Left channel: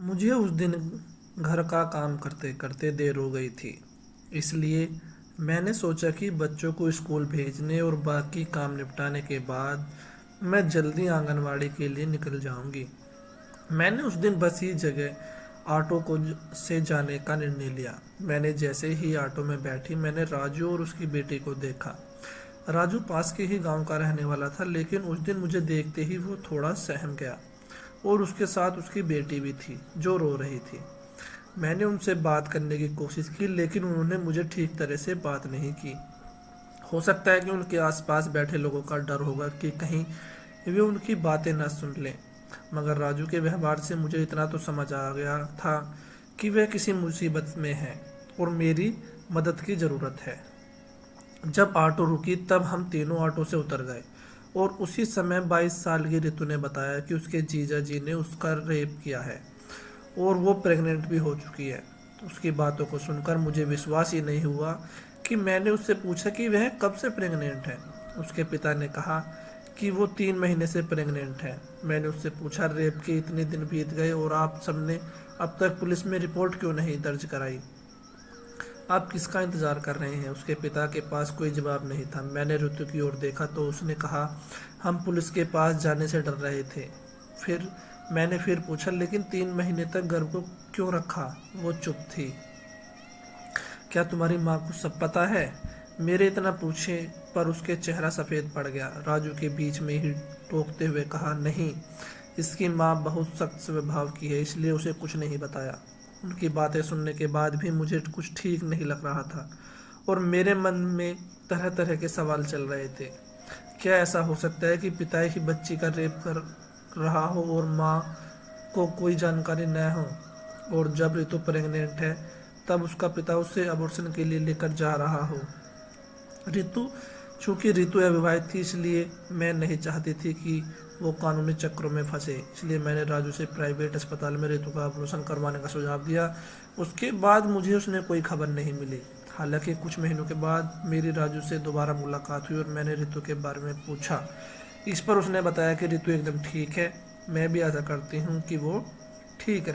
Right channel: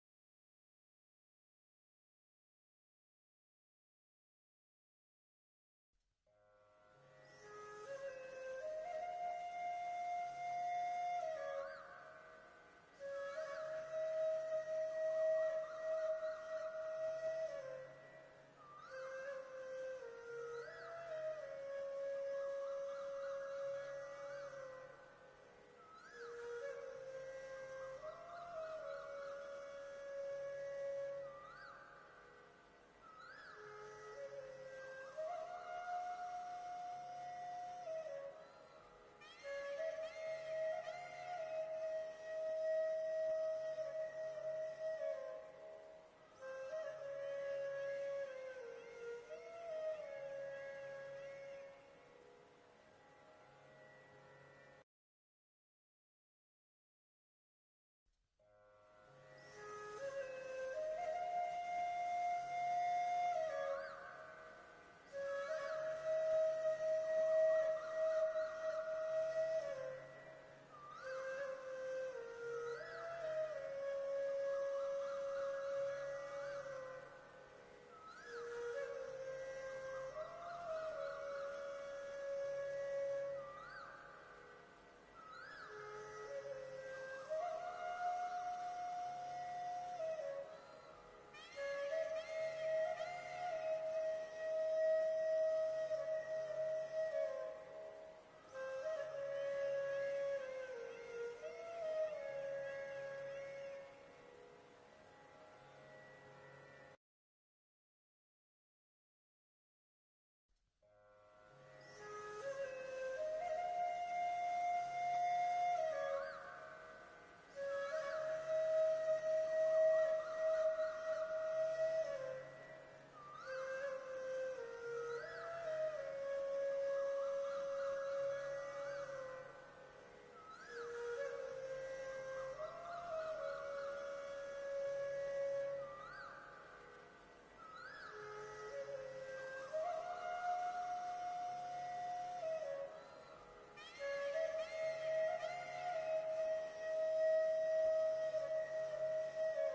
मुझे उस दिन घर का काम करते करते देर हो गई थी, इसलिए मैंने सोचा कि बच्चों को स्कूल भेजने और बाकी काम निपटाने के बाद मैं जल्दी आंगनवाड़ी के लिए निकल जाऊंगी। मैंने उस दिन बस ही जगह ऑटो को से जाने का निर्णय लिया। मैंने जैसे ही ऑटो में बैठी, मैंने राजू और उसकी बेटी को देखा। राजू पास के ही गांव का रहने वाला था, लेकिन उस दिन मुझे देखते ही वो थोड़ा सहम गया और उसके साथ उसकी बेटी भी थी जो रो रही थी। मैंने उनसे बात करने की कोशिश की, लेकिन उन्होंने मुझे ठीक तरह से बात नहीं की। हो सकता है कि उनके आसपास बैठे लोगों का डर होगा कि कहीं वे उनकी बातें न सुन लें। मगर राजू के व्यवहार से मुझे इतना तो समझ आ गया था कि वह किसी मुसीबत में है और मेरी मदद की ज़रूरत है। जब ऑटो रुकी तब हम तीनों ऑटो से उतर गए और उसी समय 22 साल की रितु ने बताया कि उसके जीजा जी ने उसका रेप किया है और वो प्रेग्नेंट भी हो चुकी है। तो उसकी बातों को सुनकर मुझे विश्वास ही नहीं हुआ कि मैंने उससे पूछा कि वह कब से प्रेग्नेंट है। उसके पिता ने कहा कि वो 3 महीने से प्रेग्नेंट है। मैंने उससे पूछा, रेप के इतने दिन बीत गए और आप सबने अब तक पुलिस में रिपोर्ट क्यों नहीं दर्ज कराई? आप किसका इंतज़ार कर रहे हैं? उसके पिता के पास कोई जवाब नहीं था। मैंने ऋतु की ओर देखा तो उसने कहा, हम पुलिस के पास जाने से डर रहे थे। फिर मैंने फिर पूछा, लेकिन 3 महीने तक गर्भ को क्यों रखा? वो चुप थी। क्या तुम्हारी माँ को सब पता है? मेरे इतना पूछे पर उसके चेहरा सफ़ेद पड़ गया। राजू के बीच में ही टोकते हुए कहा, नहीं, इसकी माँ बहुत सख्त स्वभाव की है, इसलिए उसे कुछ नहीं बताया। उनकी बातें सुनने के बाद भी मुझे कुछ ठीक नहीं लग रहा था और मेरे मन में तरह तरह के सवाल चल रहे थे। क्या ऐसा हो सकता है कि पिता ही बच्ची का रेप कर रहा हो और माँ को कोई जानकारी न हो? और जब ऋतु प्रेग्नेंट है तब उसका पिता उसे अबॉर्शन के लिए लेकर जा रहा हो। ऋतु चूंकि ऋतु अविवाहित थी, इसलिए मैं नहीं चाहती थी कि वो कानूनी चक्रों में फंसे। इसलिए मैंने राजू से प्राइवेट अस्पताल में ऋतु का ऑपरेशन करवाने का सुझाव दिया। उसके बाद मुझे उसने कोई खबर नहीं मिली। हालांकि कुछ महीनों के बाद मेरी राजू से दोबारा मुलाकात हुई और मैंने ऋतु के बारे में पूछा। इस पर उसने बताया कि ऋतु एकदम ठीक है। मैं भी आशा करती हूँ कि वो ठीक रहे।